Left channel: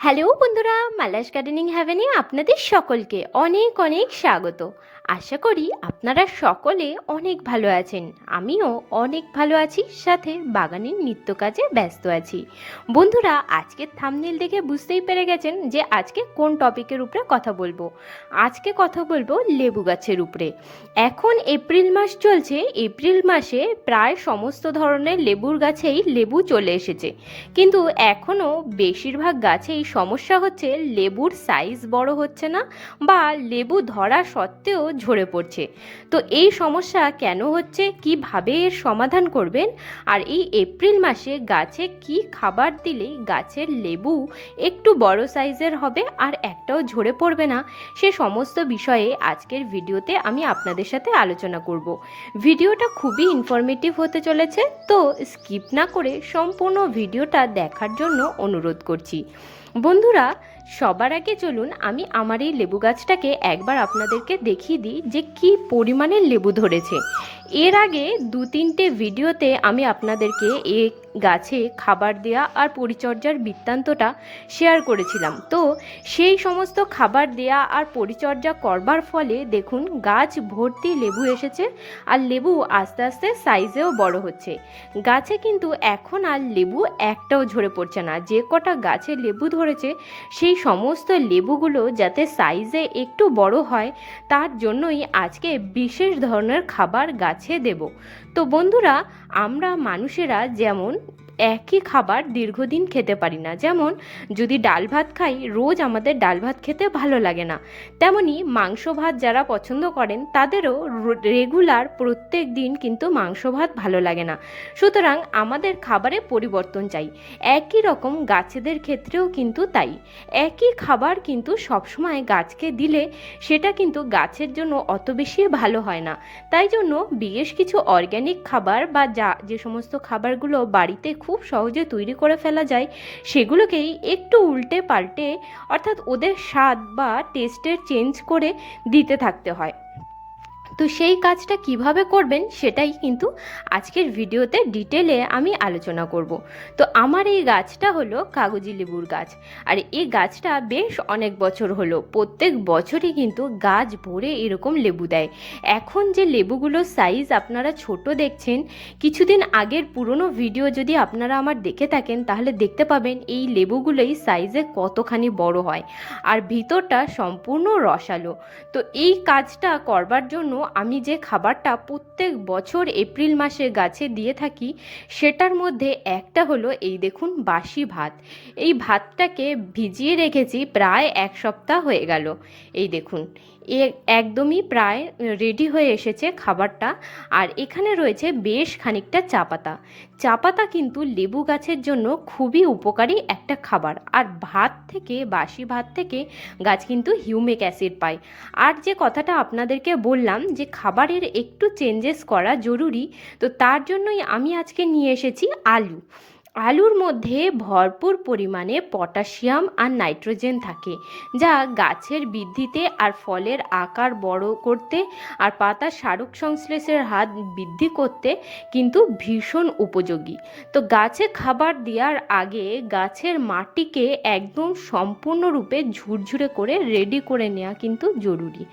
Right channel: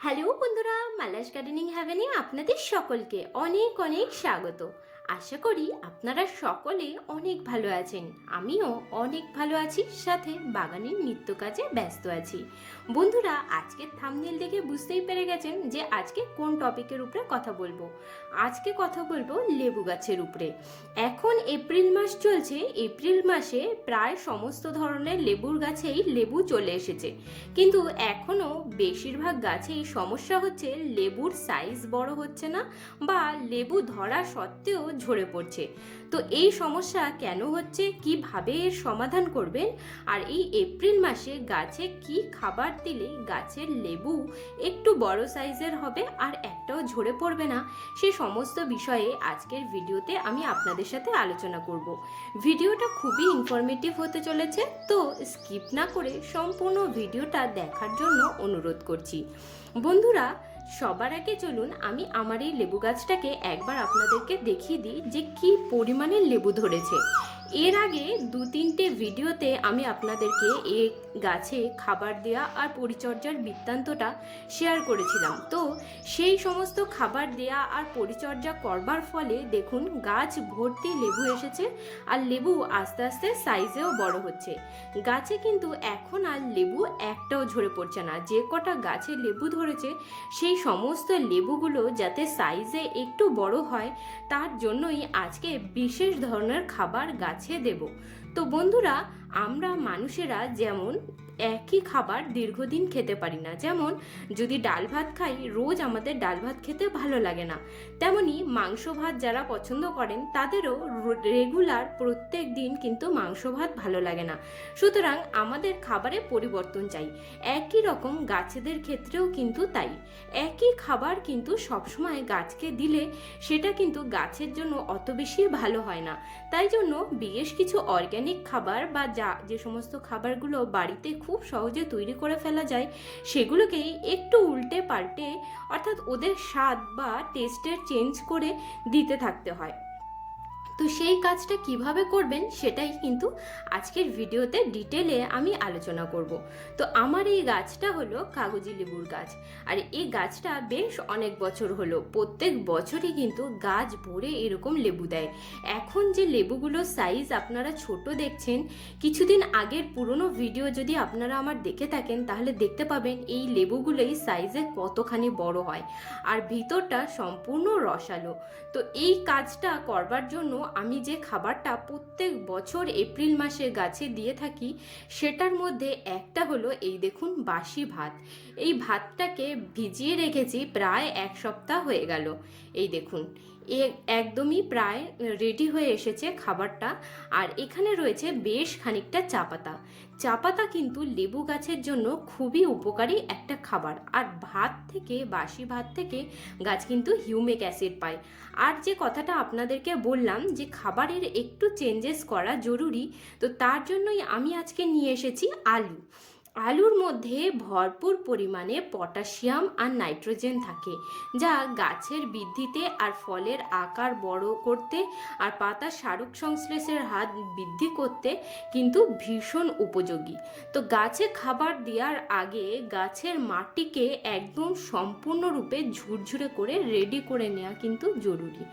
Hello বন্ধুরা Mala's gardening হ্যাভেনে আপনাদের সকলকে অনেক অনেক স্বাগত। আশা করি আপনারা সকলে অনেক ভালো আছেন। আমিও অনেক ভালো আছি, সাথে বাগানের নিত্য কাজে ব্যস্ত আছি। বন্ধুরা, আজকের থামনেল দেখে বুঝতেই পেরে গেছেন যে আজকে কোন টপিকের উপরে কথা বলব। আজকে কথা বলব লেবু গাছের উপরে। এখন এপ্রিল মাস চলছে, এপ্রিল মাসে প্রায় সমস্ত ধরনের লেবুর গাছেই লেবু চলে এসেছে। কিন্তু এখনও বেশিরভাগ গাছেই সমস্যা হচ্ছে লেবুর সাইজ বড় হচ্ছে না বা লেবু ধরা সত্ত্বেও ঝরে পড়ছে। তো এই সমস্যা কেন হচ্ছে? কীভাবে এর সমাধান করবেন? আর এই এপ্রিল মাসে গাছে কি খাবার দিলে গাছের লেবু একটু বড় সাইজের হবে আর একটাও ঝরে পড়বে না? সে সমস্ত বিষয়ে আজকের ভিডিওতে আমি আপনাদের সাথে আলোচনা করব। ভিডিওটা খুবই ইনফরমেটিভ হতে চলেছে, তো স্কিপ না করে সম্পূর্ণ ভিডিওটা দেখার জন্য অনুরোধ করছি। বন্ধুরা সবার আগে চলুন আমি আমার এই লেবু গাছটাকে একবার আপনাদেরকে দেখিয়ে দিই যে কি পরিমাণের লেবু ধরেছে। এর আগে দু তিনটে ভিডিওতে আমি আপনাদেরকে এ গাছে খাবার দেয়া আর পরিচর্যার বৃত্তান্তটা শেয়ার করেছিলাম। তো সেই সমস্ত খাবার দেয়া আর পরিচর্যা করবার ফলে দেখুন গাছ ভর্তি লেবু এসেছে আর লেবু আস্তে আস্তে সাইজেও বড় হচ্ছে। গাছে কিন্তু এখন আর লেবু একটাও ঝরে পড়ছে না। যে কটা গাছে লেবু ধরেছে, সেই সমস্ত লেবুগুলো যাতে সাইজে একটু বড় হয়, তার জন্যই আজকে বিশেষ ধরনের খাবার গাছে দেব। তো বন্ধুরা আমরা মানুষেরা যেমন একই খাবার দীর্ঘদিন খেতে পারি না। যেমন, যদি ডাল ভাত খাই, রোজ আমাদের ডাল ভাত খেতে ভালো লাগে না। তেমনি মাংস ভাত যারা পছন্দ করেন, তাদেরও রেগুলার প্রত্যেক দিন কিন্তু মাংস ভাত ভালো লাগে না। সুতরাং আমাদের খাবারে পরিবর্তন চাই। একই রকম গাছেদের ক্ষেত্রেও কিন্তু তাই। একই খাবার কিন্তু সবসময় গাছকে দিলে সেটা কিন্তু গাছের জন্য অত বেশি ভালো হয় না। তাই জন্য বেশ কিছু অর্গ্যানিক খাবার বা যা, যে সমস্ত খাবারগুলো বাড়িতে খুব সহজে তৈরি করে ফেলা যায়, সেগুলোকেই একটু উল্টে পাল্টে অর্থাৎ ওদের স্বাদ বা টেস্টের চেঞ্জ করে দিতে থাকতে হয়। তো সেই কাজটা কীভাবে করবেন সেটাই কিন্তু আজকের ভিডিওতে ডিটেলে আমি আলোচনা করব। তো আমার এই গাছটা হলো কাগজি লেবুর গাছ। আর এই গাছটা বেশ অনেক বছর হলো। প্রত্যেক বছরই কিন্তু গাছ ভরে এরকম লেবু দেয়। এখন যে লেবুগুলোর সাইজ আপনারা ছোট দেখছেন, কিছুদিন আগের পুরনো ভিডিও যদি আপনারা আমার দেখে থাকেন, তাহলে দেখতে পাবেন এই লেবুগুলোই সাইজে কতখানি বড় হয়। আর ভিতরটা সম্পূর্ণ রসালো। তো এই কাজটা করবার জন্য আমি যে খাবারটা প্রত্যেক বছর এপ্রিল মাসে গাছে দিয়ে থাকি, সেটার মধ্যে একটা হলো এই দেখুন বাসি ভাত। এই ভাতটাকে ভিজিয়ে রেখেছি প্রায় এক সপ্তাহ হয়ে গেল। এই দেখুন একদমই প্রায় রেডি হয়ে এসেছে খাবারটা। আর এখানে রয়েছে বেশ খানিকটা চা পাতা চা পাতা কিন্তু লেবু গাছের জন্য খুবই উপকারী একটা খাবার। আর ভাত থেকে, বাসি ভাত থেকে গাছ কিন্তু হিউমিক অ্যাসিড পায়। আর যে কথাটা আপনাদেরকে বললাম যে খাবারের একটু চেঞ্জেস করা জরুরি, তো তার জন্যই আমি আজকে নিয়ে এসেছি আলু। আলুর মধ্যে ভরপুর পরিমাণে পটাশিয়াম আর নাইট্রোজেন থাকে, যা গাছের বৃদ্ধিতে আর ফলের আকার বড় করতে আর পাতার সারক সংশ্লেষের হাত বৃদ্ধি করতে কিন্তু ভীষণ উপযোগী। তো গাছে খাবার দেওয়ার আগে গাছের মাটিকে একদম সম্পূর্ণরূপে ঝুরঝুরে করে রেডি করে নেওয়া কিন্তু জরুরি।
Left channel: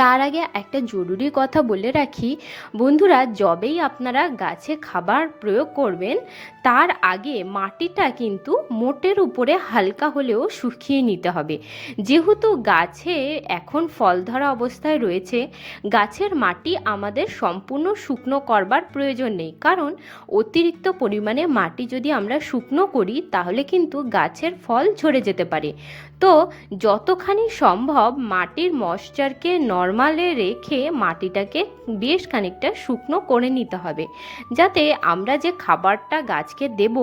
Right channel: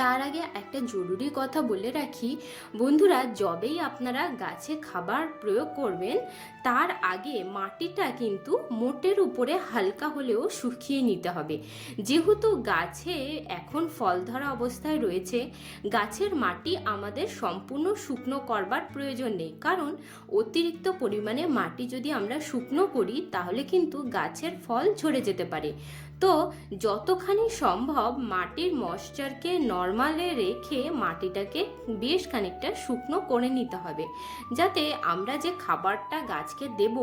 তার আগে একটা জরুরি কথা বলে রাখি। বন্ধুরা, যবেই আপনারা গাছে খাবার প্রয়োগ করবেন, তার আগে মাটিটা কিন্তু মোটের উপরে হালকা হলেও শুকিয়ে নিতে হবে। যেহেতু গাছে এখন ফল ধরা অবস্থায় রয়েছে, গাছের মাটি আমাদের সম্পূর্ণ শুকনো করবার প্রয়োজন নেই। কারণ, অতিরিক্ত পরিমাণে মাটি যদি আমরা শুকনো করি, তাহলে কিন্তু গাছের ফল ঝরে যেতে পারে। তো যতখানি সম্ভব মাটির ময়শ্চারকে নর্মালে রেখে মাটিটাকে বেশ খানিকটা শুকনো করে নিতে হবে। যাতে আমরা যে খাবারটা গাছকে দেব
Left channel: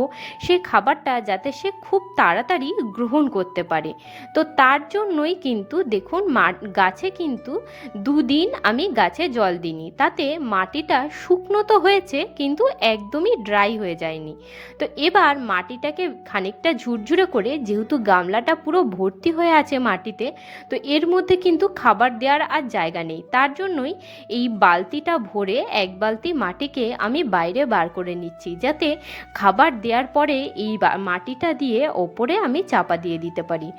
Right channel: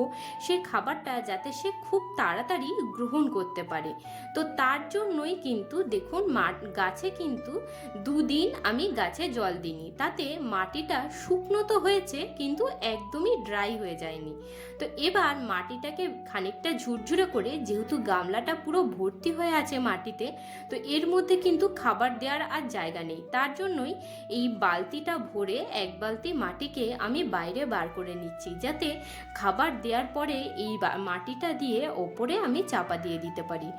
সেই খাবারটা যাতে সে খুব তাড়াতাড়ি গ্রহণ করতে পারে। তো তার জন্যই কিন্তু দেখুন গাছে কিন্তু দুদিন আমি গাছে জল দিইনি। তাতে মাটিটা শুকনো তো হয়েছে, কিন্তু একদমই ড্রাই হয়ে যায়নি। তো এবার মাটিটাকে খানিকটা ঝুরঝুরে করে, যেহেতু গামলাটা পুরো ভর্তি ভর্তি হয়ে আছে মাটিতে, তো এর মধ্যে কিন্তু খাবার দেওয়ার আর জায়গা নেই। তার জন্যই এই বালতিটা ভরে এক বালতি মাটিকে আমি বাইরে বার করে নিচ্ছি, যাতে খাবার দেওয়ার পরে এই মাটিটা দিয়ে ওপরে আমি চাপা দিয়ে দিতে পারি।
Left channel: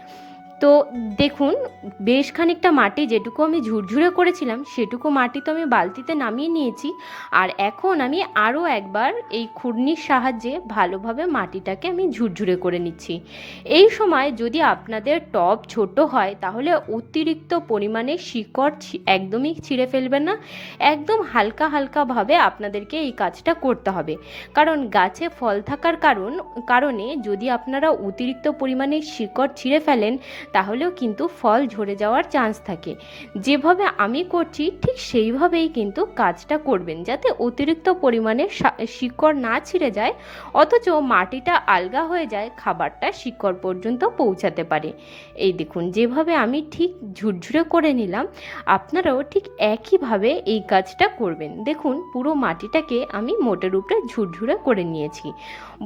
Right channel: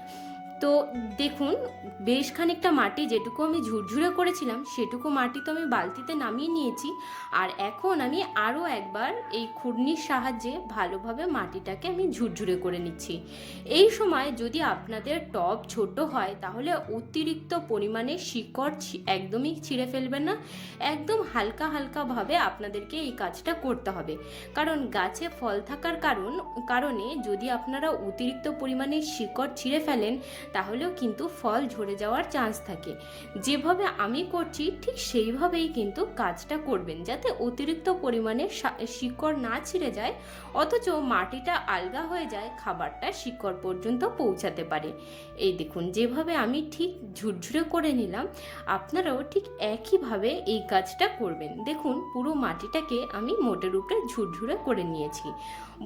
তো দেখুন, বেশ খানিকটা মাটি যেটুকু আমি ঝুরঝুরে করেছিলাম, সেটুকু মাটি তো আমি বালতিতে নামিয়ে নিয়েছি। আর এখন আমি আরও একবার এই খুরনির সাহায্যে ভালোভাবে মাটিটাকে আমি ঝুরঝুরে করে নিচ্ছি। এই সময় যদি আপনাদের টব ছোট হয়, তাহলে অতিরিক্ত পরিমাণে শিকড় একদমই ছিঁড়ে ফেলবেন না। একদম হালকা হালকাভাবে আপনাদেরকে এই কাজটা করতে হবে। কারণ গাছে ফল থাকার কারণ, কারণে যদি আপনারা অতিরিক্ত পরিমাণে শিকড় ছিঁড়ে ফেলেন তাহলেও কিন্তু ফল ঝরে যাওয়ার চান্স থাকে। যেভাবে আমি করছি, ঠিক সেইভাবেই কিন্তু কাজটা করবেন যাতে অতিরিক্ত পরিমাণে শিকড় না ছিঁড়ে যায়, অথচ মাটিটা আলগা হয়ে যায়, খাবারটা শিকড় পর্যন্ত পৌঁছাতে পারে। এই দেখুন, যেভাবে আমি ঠিক ঝুরঝুরে করে নিলাম, আপনারাও ঠিক একইভাবে এই কাজটা করবেন। দেখুন, পুরো মাটিটাকে আমি মোটের উপরে ঝুরঝুরে করে নিয়েছি।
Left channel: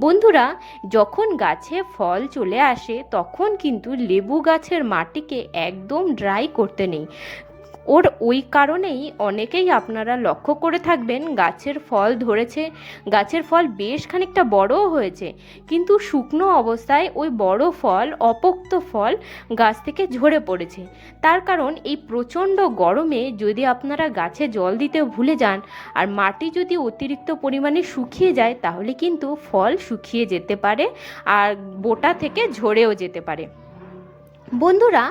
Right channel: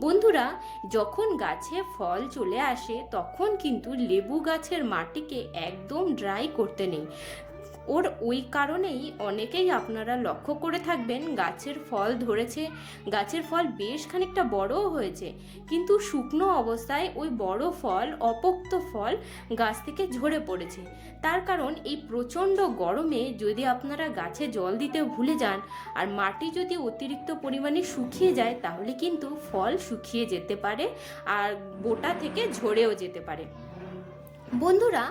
বন্ধুরা, যখন গাছে ফল চলে আসে, তখন কিন্তু লেবু গাছের মাটিকে একদম ড্রাই করতে নেই। ওর ওই কারণেই অনেকেই আপনারা লক্ষ্য করে থাকবেন গাছের ফল ধরেছে, গাছের ফল বেশ খানিকটা বড়ও হয়েছে। কিন্তু শুকনো অবস্থায় ওই বড় ফল, অপোক্ত ফল গাছ থেকে ঝরে পড়েছে। তার কারণ এই প্রচণ্ড গরমে যদি আপনারা গাছে জল দিতে ভুলে যান আর মাটি যদি অতিরিক্ত পরিমাণে শুকিয়ে যায় তাহলে কিন্তু ফল শুকিয়ে যেতে পারে আর বোটা থেকে ঝরেও যেতে পারে। বন্ধুরা,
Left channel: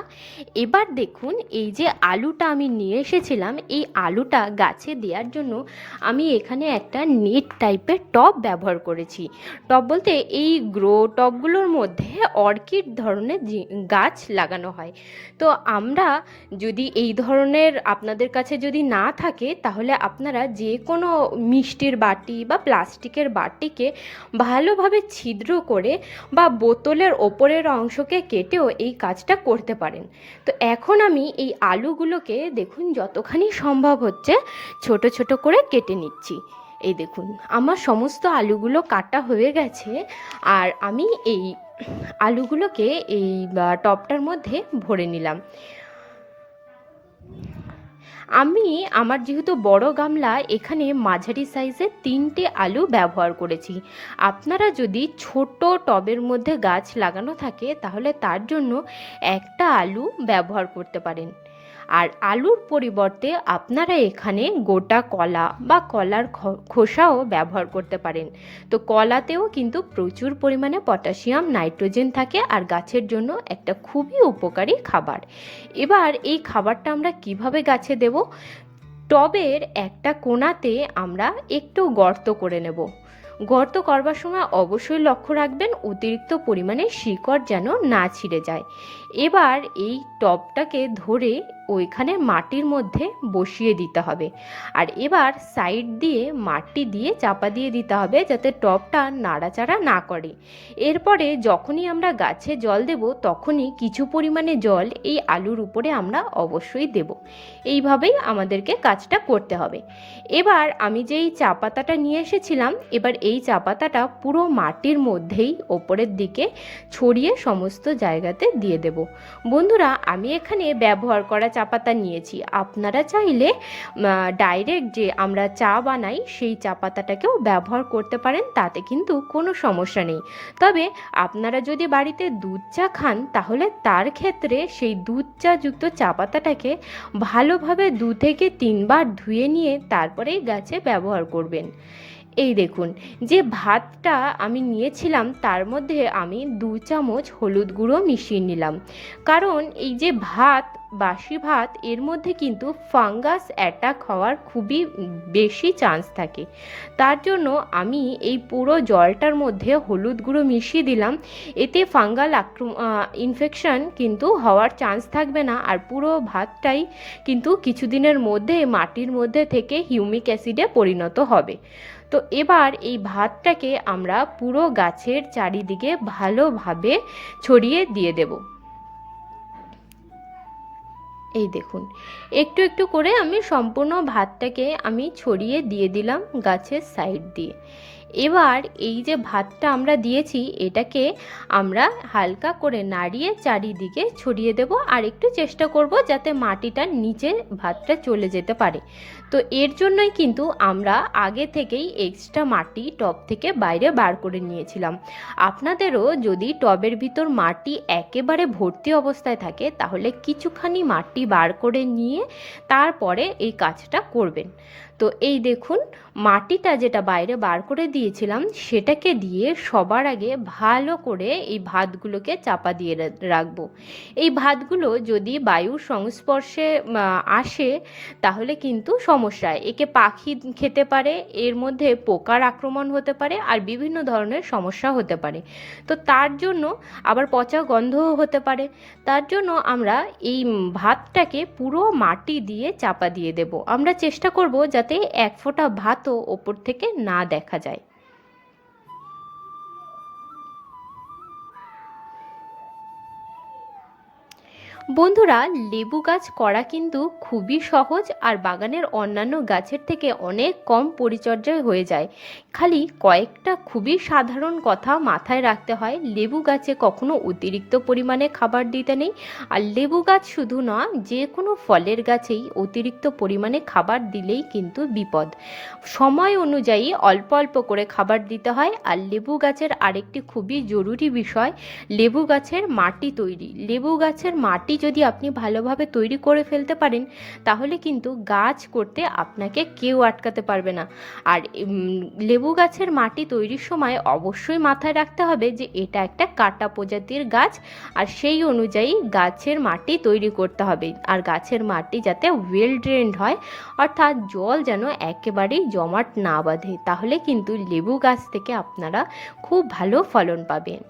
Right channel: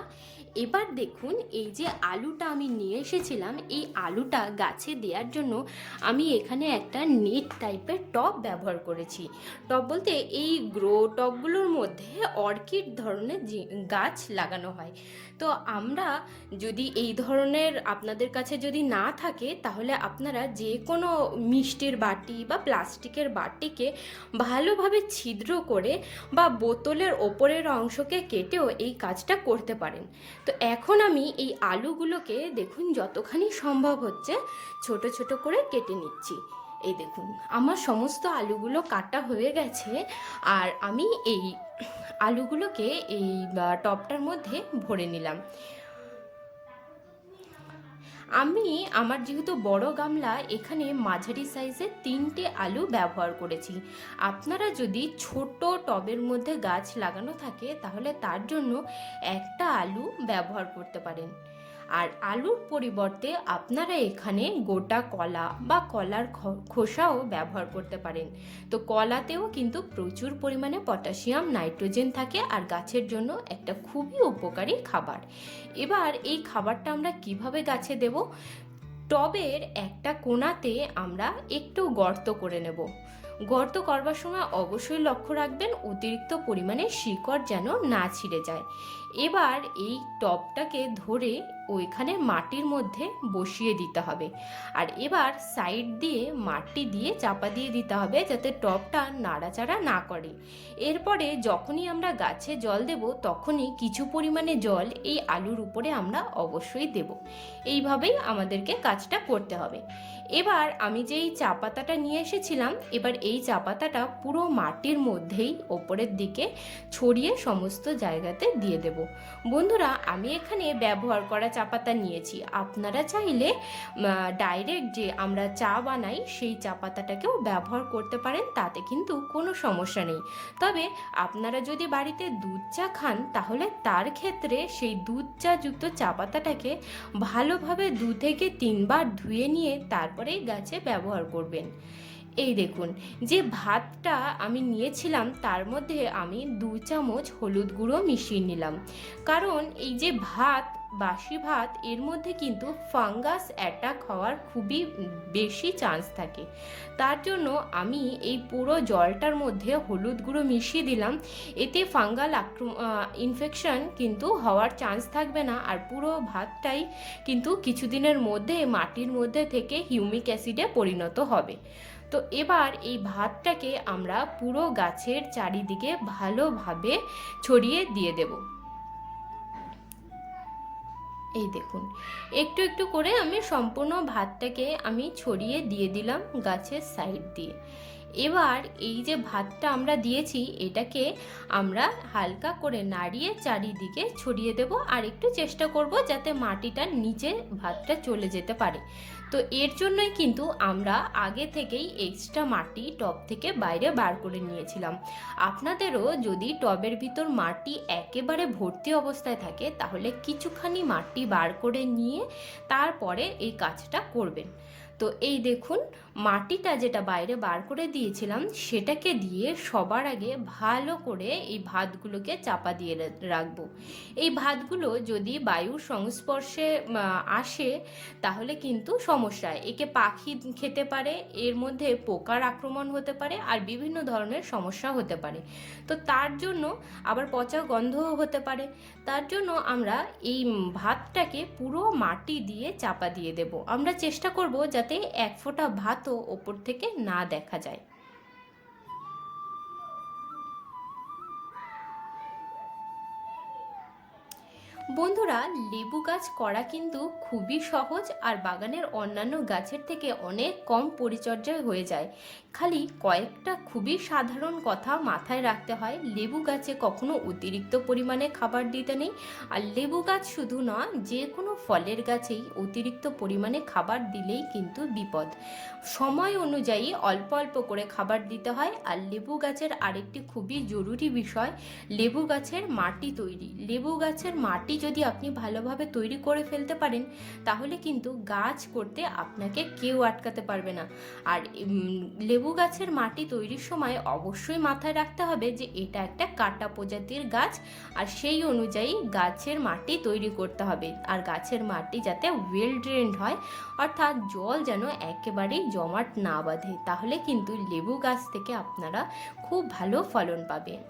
এবার দেখুন এই যে আলুটা আমি নিয়ে এসেছিলাম, এই আলুটা গাছে দেওয়ার জন্য আমি এখানে একটা নেট টাইপের টব ব্যবহার করেছি। টব বলতে এই গ্রো টবগুলোর মধ্যে অর্কিড ধরনের গাছ লাগানো হয়। তো আমরা যদি এই ধরনের আপনাদের কাছে যদি না থাকে, তাহলে আপনারা যে কোনো মিষ্টির বাটি বা প্লাস্টিকের বাটিকে ভালোভাবে ছিদ্র করে বা বোতলের ওপরের অংশকে কেটেও এই কাজটা করতে পারেন। তো এখন আমি এই আলুগুলোকে দেখুন যতখানি সম্ভব হচ্ছে ছোট ছোট করে কেটে নিচ্ছি। এই দেখুন, আমার সমস্ত আলুগুলো কাটা হয়ে গেছে আর আমি এই আলুগুলোকে এই টপটার মধ্যে ভরে নিলাম। আমি আমার যেহেতু বড় গামলা, এখানে মাঝারি সাইজের তিনটে আলু ব্যবহার করেছি। আপনারা যদি ছোট টবের মধ্যে গাছ লাগানো থাকে, তাহলে তার জন্য একটা আলু ব্যবহার করতে পারেন। আর আলুর পরিবর্তে আপনারা এখানে গোটা কলা বা কলার খোসাও ব্যবহার করতে পারেন। তো কলাতেও কিন্তু প্রচুর পরিমাণে পটাশিয়াম, নাইট্রোজেন থাকে আর গাছের জন্য একটা খুবই উপকারী খাবার। এবার এই খাবারটা আমরা কীভাবে গাছে দেব? টবের একটা কোণাতে আমরা একটু গর্ত করে নেব। গর্ত করবার সময় অবশ্যই লক্ষ্য রাখবেন, অতিরিক্ত পরিমাণে শিকড় যেন না ছিঁড়ে যায়। এবার এই টবটাকে ধরে ওইখানে মাটির মধ্যে বসিয়ে দিতে হবে। আর এবার সাইড দিয়ে মাটি দিয়ে চাপা দিয়ে দিতে হবে যাতে টবটা নাড়াচাড়া না করে। এরপরে যখনই আমরা গাছে জল দেব, তখনই কিছু পরিমাণে জল এই আলুর উপরে আমরা অবশ্যই দেব। এইভাবেই আমাদেরকে কাজটা করতে হবে। এবার আমি যেই চা পাতাটা নিয়ে এসেছিলাম, এবার এই চা পাতাটা পুরো মাটির মধ্যেই ওপরের দিকে ছড়িয়ে সমস্ত জায়গাতে দিয়ে দেব। বন্ধুরা, আমি এখানে ব্যবহার করা চা পাতা নিয়েছি। আপনারা চাইলে ডাইরেক্ট যে আমরা চা বানাই, সেই চা পাতাটাকেও ব্যবহার করতে পারেন, তাতে কিন্তু কোনো সমস্যা নেই। তবে আপনারা যদি বাড়িতে দুধ চা খান, তাহলে তার ক্ষেত্রে সেই দুধ চা যুক্ত চা পাতাটাকে ভালোভাবে দু থেকে তিনবার ধুয়ে নিয়ে তারপরেই গাছে ব্যবহার করবেন। এই দেখুন, যে ভাতটা আমি নিয়েছিলাম তার মধ্যে আমি দু চামচ হলুদ গুঁড়ো মিশিয়ে নিলাম। কারণ এই যে ভাত, বাসি ভাত, এর মধ্যে কিন্তু ফাঙ্গাস অ্যাটাক হওয়ার খুবই বেশি চান্স থাকে। তার জন্য আমি এই পুরো জলটার মধ্যে হলুদ গুঁড়ো মিশিয়ে দিলাম। এতে ফাঙ্গাল আক্রম ইনফেকশন কিন্তু হওয়ার চান্স থাকবে না। আর পুরো ভাতটাই কিন্তু কিছুদিনের মধ্যে মাটির মধ্যে থেকে হিউমিক অ্যাসিডে পরিণত হবে। তো এবার এই ভাতটাকে আমরা পুরো গাছের চারিদিকে ভালোভাবে ছড়িয়ে দিয়ে দেব। এই দেখুন, একটু একটু করে আমি সম্পূর্ণ ভাতটাকে আমি ছড়িয়ে দিয়ে দিলাম গাছের সাইড দিয়ে। এবার এই যে ভাতটা আমরা দিয়েছি, এটাকে আমরা হালকা করে নাড়িয়ে চারিদিকে ছড়িয়ে দেব। আর একটু চেষ্টা করব যাতে মাটিটার নিচে ভাতটা চলে যেতে পারে। তো এর জন্যই কিন্তু আমরা আগে থেকেই এক্সট্রা মাটি টব থেকে বাইরে বার করে নিয়েছিলাম। আপনাদেরও যদি টবের ভিতর মাটি একেবারে ভর্তি অবস্থায় থাকে, তাহলে কিছুখানি মাটি বার করে নিয়ে তারপরে এই কাজটা করবেন। তো এই দেখুন, মাটিটা যেটা বাইরে বার করে দিয়েছিলাম, সেটাকে দিয়ে সবার আগে ভালো করে এই ভাতগুলোকে চাপা দিয়ে রাখব। এই ভাতগুলো যদি বায়ুর সংস্পর্শে আসে, তাহলে কিন্তু সমস্যা একে পাখি খেতে পারে, এর মধ্যে পোকার আক্রমণ হতে পারে, আর বিভিন্ন ধরনের সমস্যা হতে পারে। তো তার জন্য আবার পচা গন্ধও হতে পারে। তার জন্য আমরা এই ভাতটাকে পুরো মাটি দিয়ে চাপা দিয়ে দেব। আমরা চেষ্টা করব যাতে এক ফোঁটা ভাতও ওপর থেকে না দেখা যায়। বন্ধুরা, লেবু গাছ করা কিন্তু খুবই সহজ আর বাগানের অন্যান্য গাছের থেকে অনেক কম পরিচর্যায় হয়ে যায়। খালি কয়েকটা খুবই সাধারণ কথা মাথায় রাখতে হয়, লেবু গাছে কখনো অতিরিক্ত পরিমাণে খাবার দিতে নেই। আর লেবু গাছ শুধু না যে কোনো ফলের গাছেই অতিরিক্ত পরিমাণে খাবার দিলেই কিন্তু বিপদ। সময় অনুযায়ী অল্প অল্প করে খাবার দিতে হয়। আর লেবু গাছের আরেকটি খুবই জরুরি বিষয়, লেবু গাছের মাটি তৈরি। লেবু গাছের মাটি যদি আপনি ভালোভাবে তৈরি করে ফেলতে পারেন, তাহলে কিন্তু গাছ করতে আপনাকে কেউ আটকাতে পারবে না। আর লেবু গাছের মাটি তৈরির সময় অবশ্যই মাথায় রাখতে হবে যে এটা একটা কাটা প্রজাতির গাছ, আর সেই অনুযায়ী গাছের মাটি তৈরি করতে হবে। আর গাছের মাটি যাতে ওয়েল ড্রেন্ড হয়, অর্থাৎ জল যেন একেবারেই জমাট না বাঁধে, তাহলে কিন্তু লেবু গাছ থেকে আপনারা খুব ভালো ফলন পাবেন।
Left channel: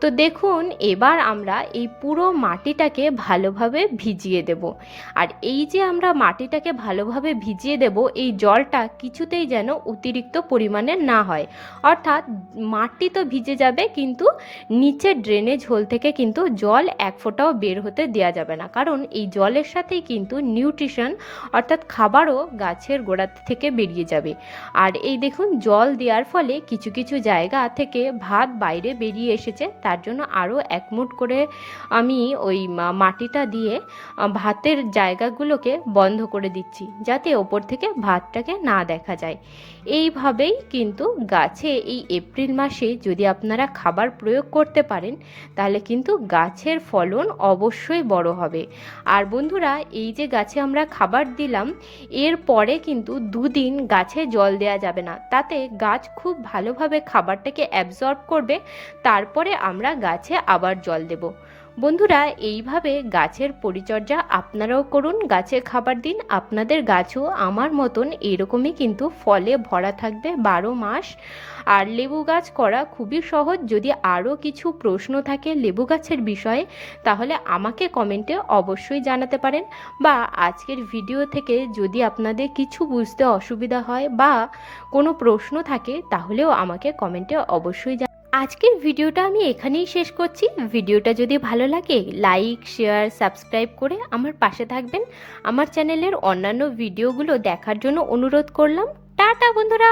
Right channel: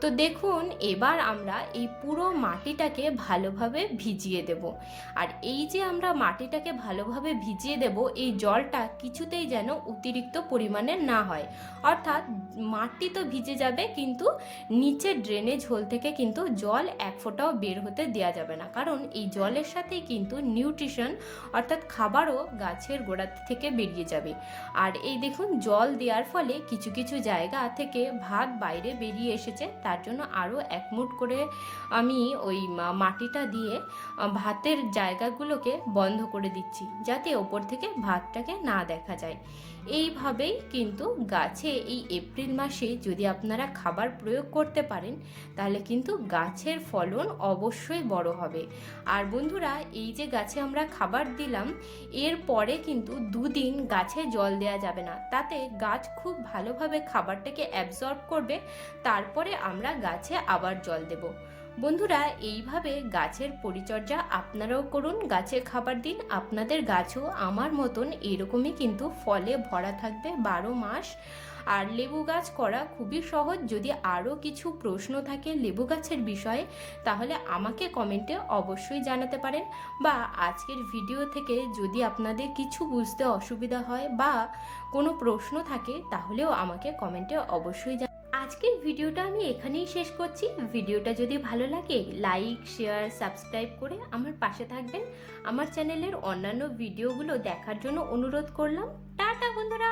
তো দেখুন, এবার আমরা এই পুরো মাটিটাকে ভালোভাবে ভিজিয়ে দেব। আর এই যে আমরা মাটিটাকে ভালোভাবে ভিজিয়ে দেব, এই জলটা কিছুতেই যেন অতিরিক্ত পরিমাণে না হয়। অর্থাৎ মাটি তো ভিজে যাবে, কিন্তু নিচের ড্রেনেজ হোল থেকে কিন্তু জল এক ফোঁটাও বের হতে দেওয়া যাবে না। কারণ এই জলের সাথেই কিন্তু নিউট্রিশন অর্থাৎ খাবারও গাছের গোড়া থেকে বেরিয়ে যাবে। আর এই দেখুন, জল দেওয়ার ফলে কিছু কিছু জায়গা থেকে ভাত বাইরে বেরিয়ে এসেছে। তার জন্য আরও একমুট করে আমি ওই মা- মাটিটা দিয়ে ভাতের জায়গাগুলোকে বন্ধ করে দিচ্ছি, যাতে ওপর থেকে ভাতটাকে না দেখা যায়। এইভাবেই কিন্তু গাছে এই এপ্রিল মাসে যদি আপনারা খাবার প্রয়োগ করতে পারেন, তাহলে কিন্তু গাছের ফলন অবশ্যই বড় হবে। আর বন্ধুরা, এই যে গাছে আমরা খাবার দিলাম, এর পরে কিন্তু দুদিন গাছে জল দেওয়া যাবে না। তাতে গাছ খুব ভালোভাবে খাবারটাকে অ্যাবজর্ব করবে, তারপরে আমরা গাছে আবার জল দেব। বন্ধুরা, এইভাবে গাছের পরিচর্যা আপনারাও করুন। গাছে খাবার দিন, আপনাদের গাছও আমার মতন এরকমই কিন্তু ফলে ভরা থাকবে বারো মাস। আর লেবু গাছ করা খুবই সহজ। যদি আরও কিছু প্রশ্ন থাকে লেবু গাছের বিষয়ে, তাহলে আমাকে কমেন্টে অবশ্যই জানাতে পারেন। বা আজকের ভিডিও থেকে যদি আপনাদের কিছু বুঝতে অসুবিধা হয় বা কোনো প্রশ্ন থাকে, তাহলেও আমাকে কমেন্টে অবশ্যই আজকের ভিডিওটা আমি এখানেই শেষ করছি। ভিডিওটা যদি ভালো লাগে লাইক শেয়ার সাবস্ক্রাইব করে আমার পাশে থাকবেন। আমার চ্যানেলের অন্যান্য ভিডিওগুলো দেখার জন্য অনুরোধ করলাম। টাটা বন্ধুরা!